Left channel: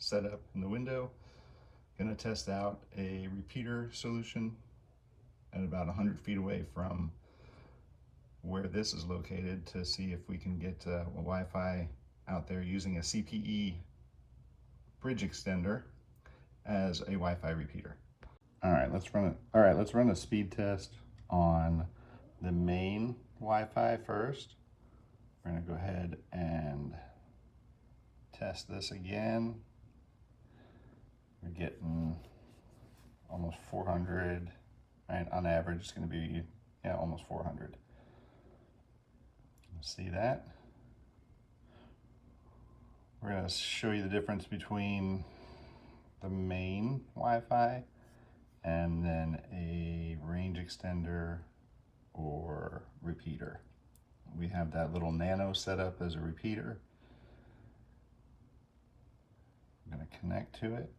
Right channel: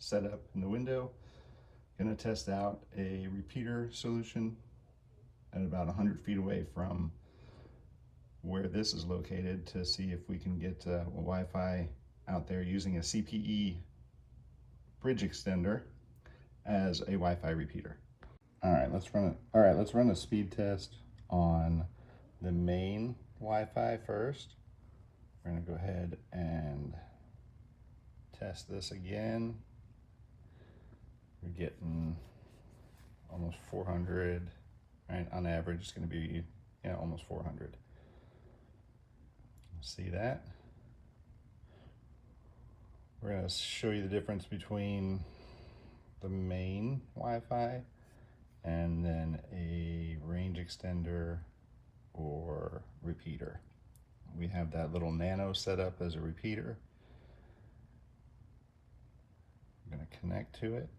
set up in the window. Going to test out a repeater solution at about 100 feet away from where this is located to see if we can get Wi-Fi out there using a CPE bridge extender as a Wi-Fi repeater. All right, let's run a speed test on the main Wi-Fi first. We're going to go ahead and test this again. We're getting almost 400, right? On average, it's going to be, yeah, almost 400. See that? We're going to show you the difference between the main Wi-Fi and then a range extender or repeater. We have that little nano set up as a repeater. I'm going to connect to it.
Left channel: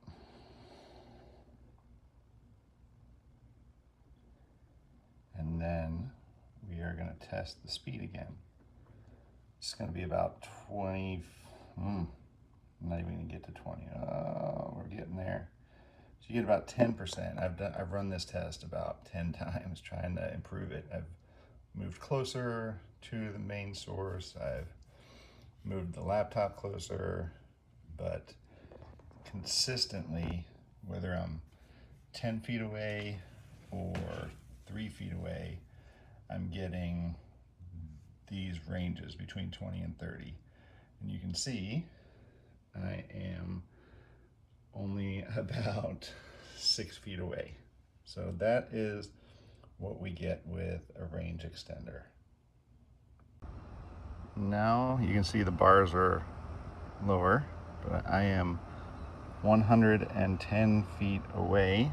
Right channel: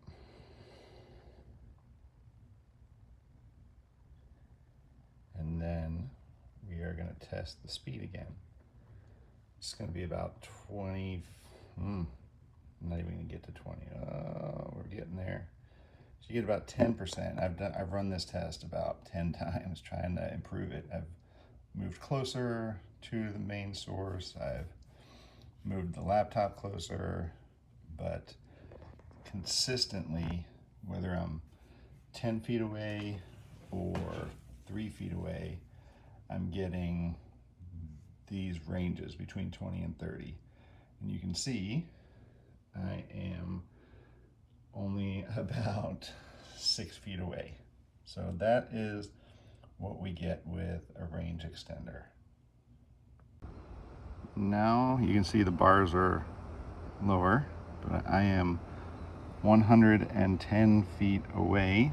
And then we are going to test the speed again. It's going to be about 20, not even going to get to 20. We're getting there. So you get about 10%. I've run this test about 10 times trying to improve it. I've moved closer to the main source. I've moved the laptop closer, but consistently, whether I'm 10 feet away or 3 feet away, I'm getting these ranges between 20 and 30. And you can see I am only about 6 feet away. So that is what we get with a range extender. Now you can see the bars are lower, but I am 110 feet away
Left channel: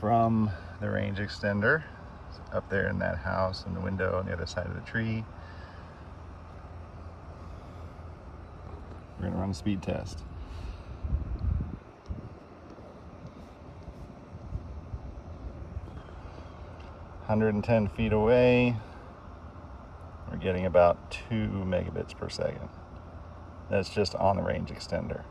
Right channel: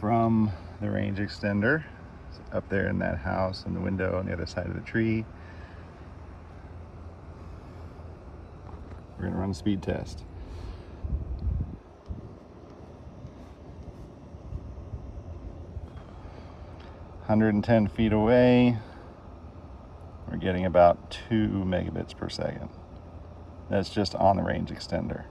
from the range extender. It's up there in that house in the window on the other side of the tree. We're going to run a speed test. (110 feet away), we're getting about 2 megabits per second. That's just on the range extender.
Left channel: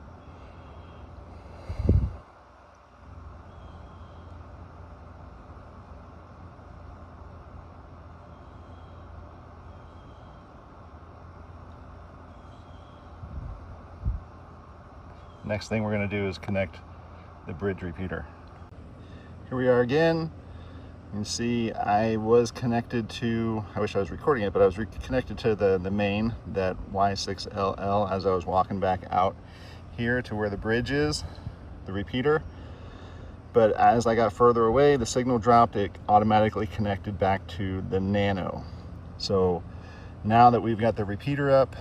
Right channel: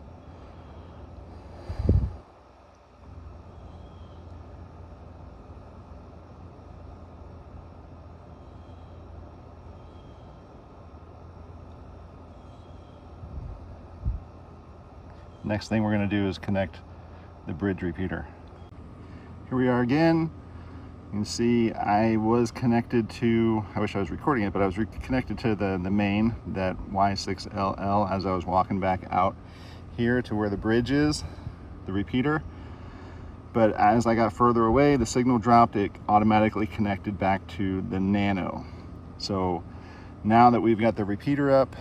Next thing we're going to do is connect the bridge repeater. Here we are again. You can see I was connected to, I wish I was recording it, but I was connected to the main, that Y6LL, as I was walking back out here to where the bridge is, the repeater. But as I got further away, the signal dropped, it automatically connected back to the nano. So now that we've got the repeater up,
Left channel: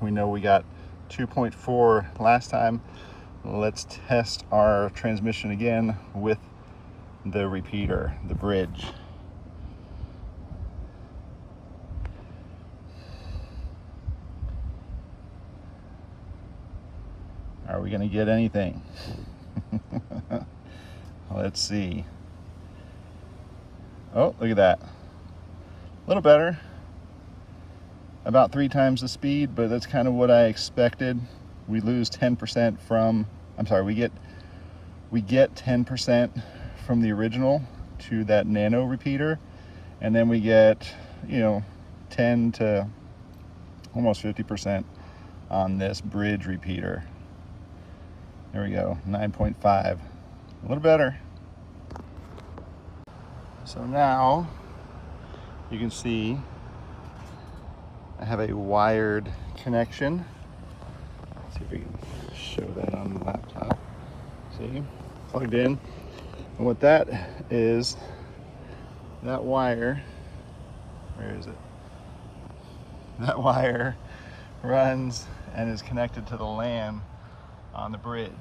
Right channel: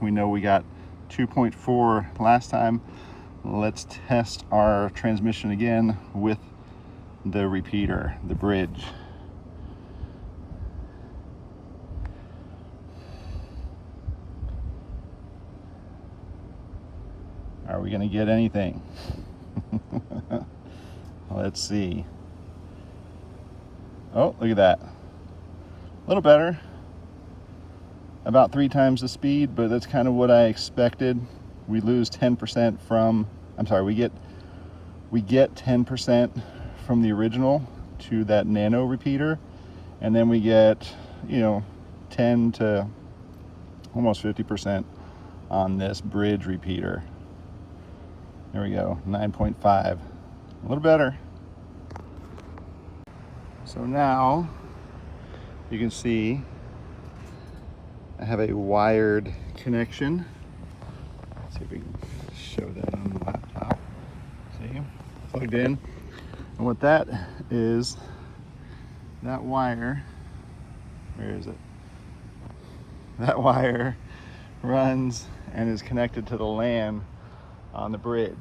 we know we got 2.4 last time. Let's test our transmission again with the repeater, the bridge. Are we going to get anything? Let's see. Oh, look at that. A little better. About 3 times the speed, but that's kind of what I expected. We lose 10% from, we get 10% from the original to that nano repeater, and then we get, 10 to almost 50% on this bridge repeater. There we go, 9.5, a little better. So now you can see I have a wired connection. Let's see if we can show that on the laptop. See, plugged in. And what that is, that wire, where is it? That wire runs and is connected to the LAN on the bridge.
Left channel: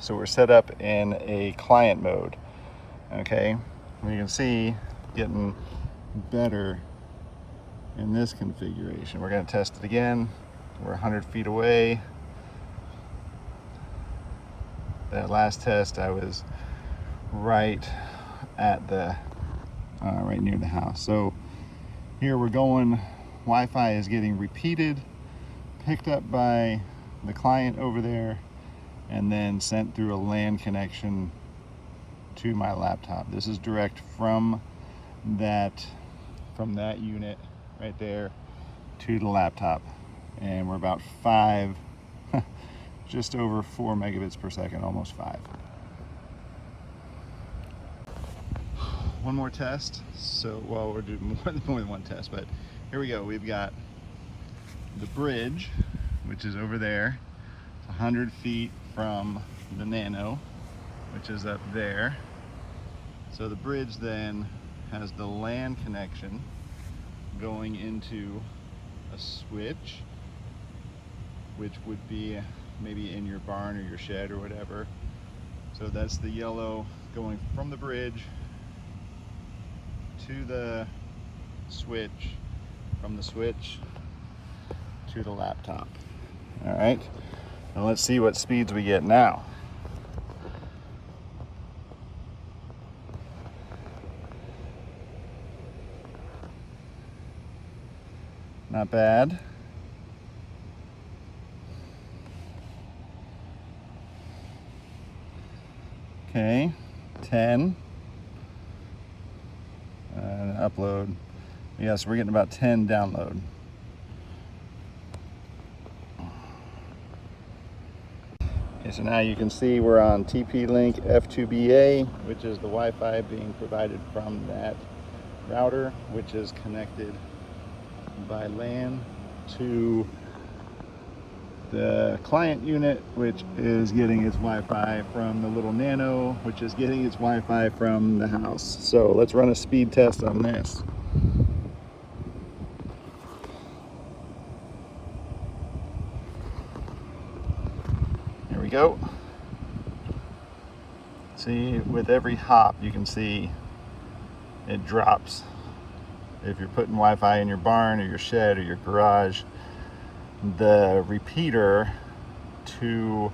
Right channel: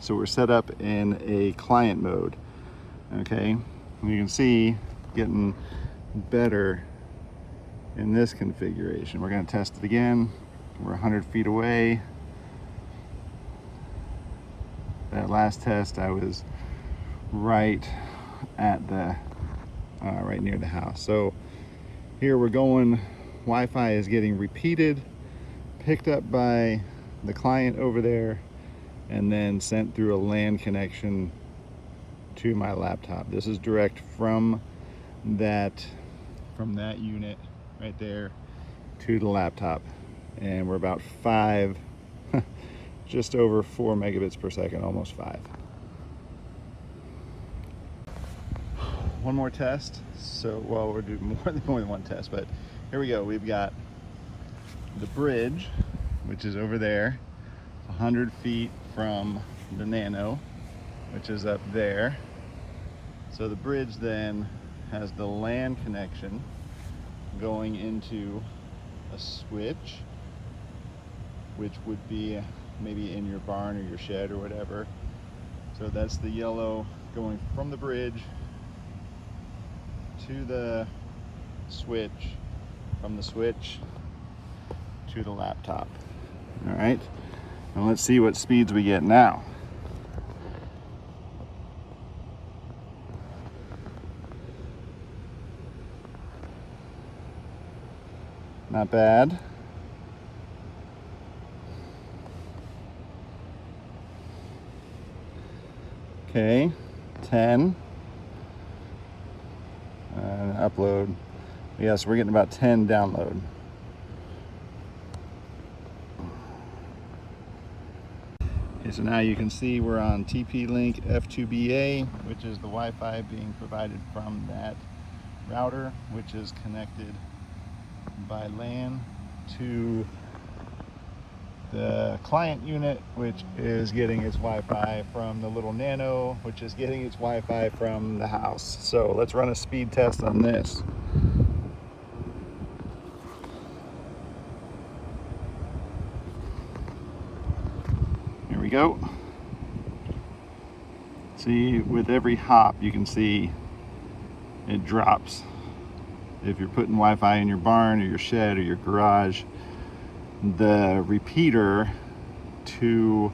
So we're set up in a client mode, okay? And you can see getting better in this configuration. We're going to test it again. We're 100 feet away. That last test I was right at the right near the house. So here we're going, Wi-Fi is getting repeated, picked up by the client over there, and then sent through a LAN connection to my laptop. This is direct from that unit right there to the laptop, and we're about 5 just over 4 megabits per second, almost 5. One more test. So, well, we'll do more than one test, but here we go. We've got the bridge, which is over there, 100 feet from the Nano, which is up there. So the bridge then has the LAN connection going into a switch, which would be maybe in your barn or your shed or whatever. So that's the yellow going from the bridge to the switch, from the switch to the laptop. All right, now let's see what speeds we get now. Not bad. Okay, 10. Upload. Yes, we're getting about 10 download. Okay, so now you can see we're on TP-Link F2BA, which is the Wi-Fi being provided from that router, which is connected by LAN to the client unit, which is getting its Wi-Fi from the little Nano, which is getting its Wi-Fi from the house. So let's run a speed test on this. Here we go. See, with every hop, you can see it drops. If you're putting Wi-Fi in your barn or your shed or your garage, the repeater to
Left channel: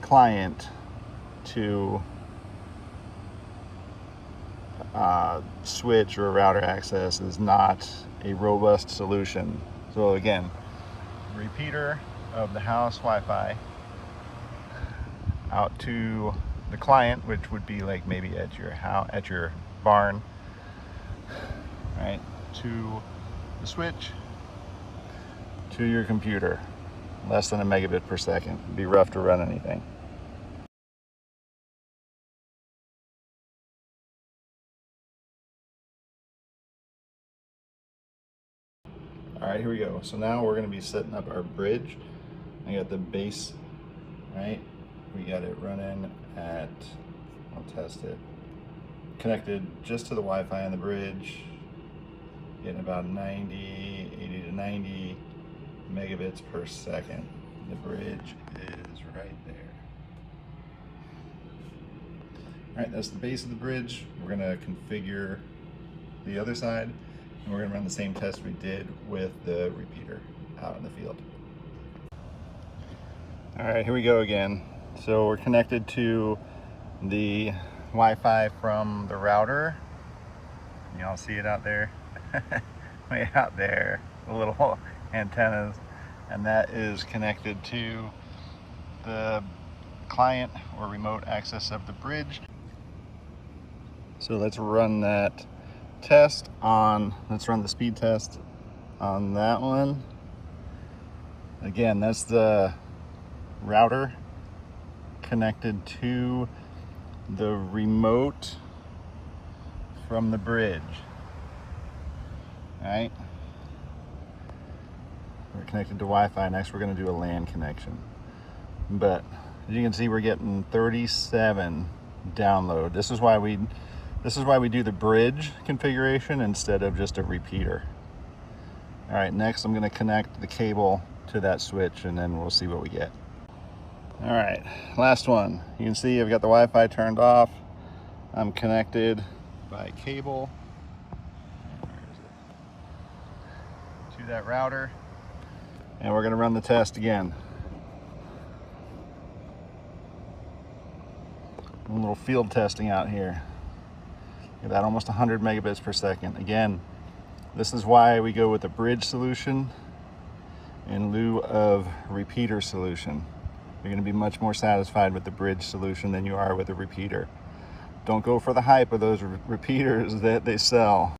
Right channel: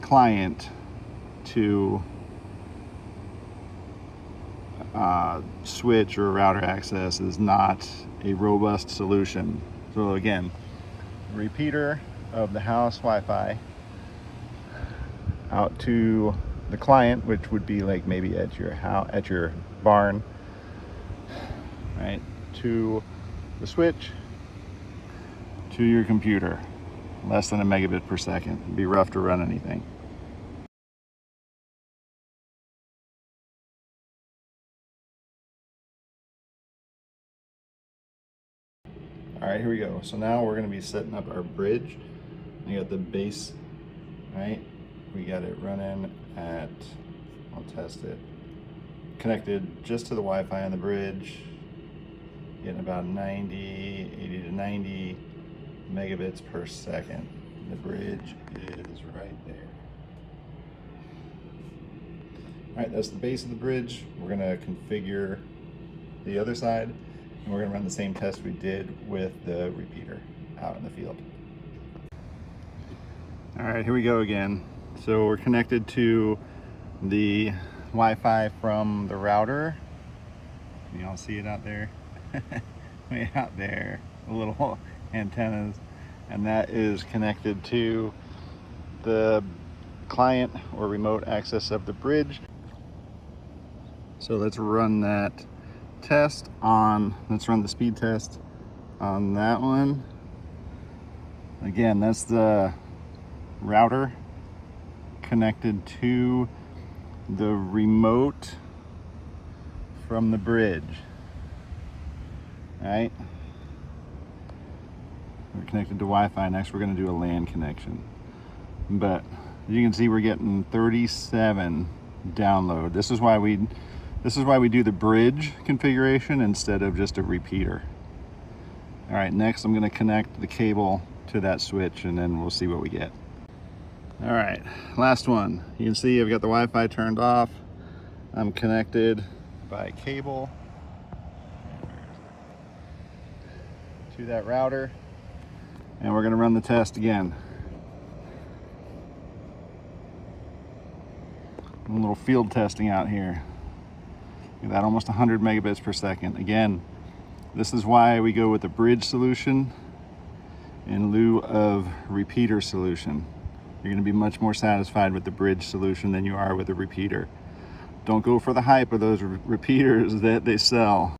client to switch or router access is not a robust solution. So again, repeater of the house Wi-Fi out to the client, which would be like maybe at your house, at your barn, right, to the switch to your computer. Less than a megabit per second. It'd be rough to run anything. All right, here we go. So now we're going to be setting up our bridge. I got the base, right? We got it running at, I'll test it, connected just to the Wi-Fi on the bridge, getting about 80 to 90 megabits per second. The bridge is right there. All right, that's the base of the bridge. We're gonna configure the other side, and we're gonna run the same test we did with the repeater out in the field. All right, here we go again. So we're connected to the Wi-Fi from the router. Y'all see it out there? Way out there, the little antennas. And that is connected to the client or remote access of the bridge. So let's run that test on, let's run the speed test on that one. Again, that's the router connected to the remote from the bridge, right? We're connected to Wi-Fi. Next we're going to do a LAN connection, but as you can see, we're getting 37 download. This is why we do the bridge configuration instead of just a repeater. All right, next I'm going to connect the cable to that switch, and then we'll see what we get. All right, last one. You can see I've got the Wi-Fi turned off. I'm connected by cable to that router, and we're going to run the test again. A little field testing out here. We've got almost 100 megabits per second. Again, this is why we go with the bridge solution in lieu of repeater solution. You're going to be much more satisfied with the bridge solution than you are with a repeater. Don't go for the hype of those repeaters that they sell.